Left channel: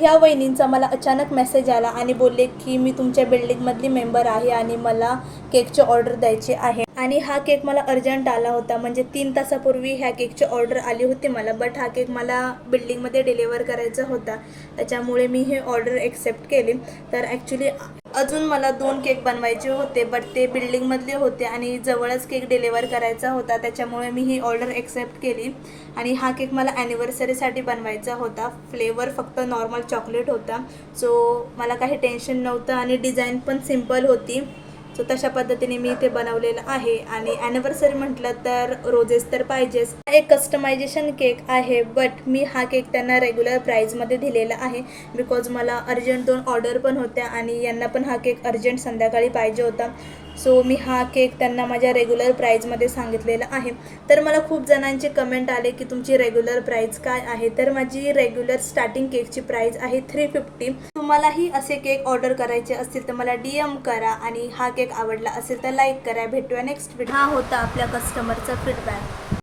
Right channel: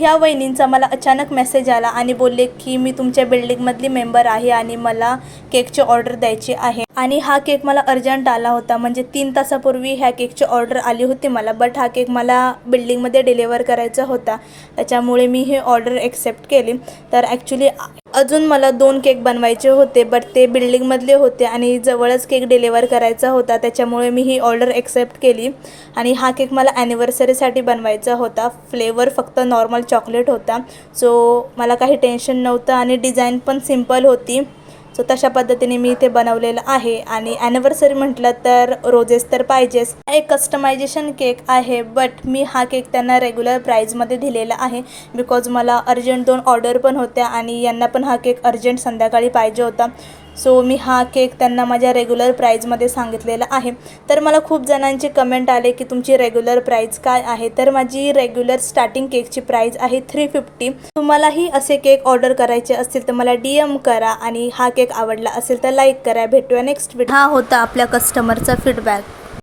ह्या वहिनींचा मला अचानक मेसेज आला आणि बोलले की मी तुमच्या बिल्डिंगमधली मेंबर आहे आणि मला केकची ऑर्डर द्यायची आहे. आणि हा केक मला अर्जंट आला होता, म्हणजे 3 तासापूर्वी ह्या केकची ऑर्डर आली होती मला. बट हा केक मला बिल्डिंगमध्ये डिलिव्हर करायचा होता, त्याच्यामुळे मी ही ऑर्डर एक्सेप्ट केली. तर ॲक्च्युली अजून मला 2 केक बनवायचे होते, बट ते बिल्डिंगमधले होते आणि जवळच केक डिलिव्हर करायचा होता, त्याच्यामुळे मी ही ऑर्डर एक्सेप्ट केली. आणि हा केक मला ॲनिव्हर्सरीसाठी बनवायचा होता. फ्लेवर फक्त नॉर्मल चॉकलेट होता, सो मला काही टेन्शन नव्हतं आणि डिझाईन पण सिम्पल होती. सो तशा पद्धतीने मी इथे बनवलेलं आहे. आणि ॲनिव्हर्सरी म्हटलं तर रोजेस तर पाहिजेच. एक कस्टमायझेशन केक आहे, बट मी हा केक त्यांना रेग्युलर प्राईजमध्ये दिलेला आहे, बिकॉज मला अर्जंट 2 ऑर्डर पण होत्या आणि यांना पण हा केक अर्जंट संध्याकाळी पाहिजे होता. सो मी हा केक त्यांना माझ्या रेग्युलर प्राईजमध्ये सांगितलेला आहे. तर मला खूप जणांची कमेंट आले की तुमची रेग्युलर प्राईज काय आहे. तर माझी रेग्युलर स्टार्टिंग केकची प्राईज आहे 350. तुम्हालाही असे केक ऑर्डर करायचे असतील तर मला DM करा आणि हा केक आवडला असेल तर लाईक करा. भेटूया नेक्स्ट व्हिडिओ. हा होता आपल्या कस्टमरचा फीडबॅक.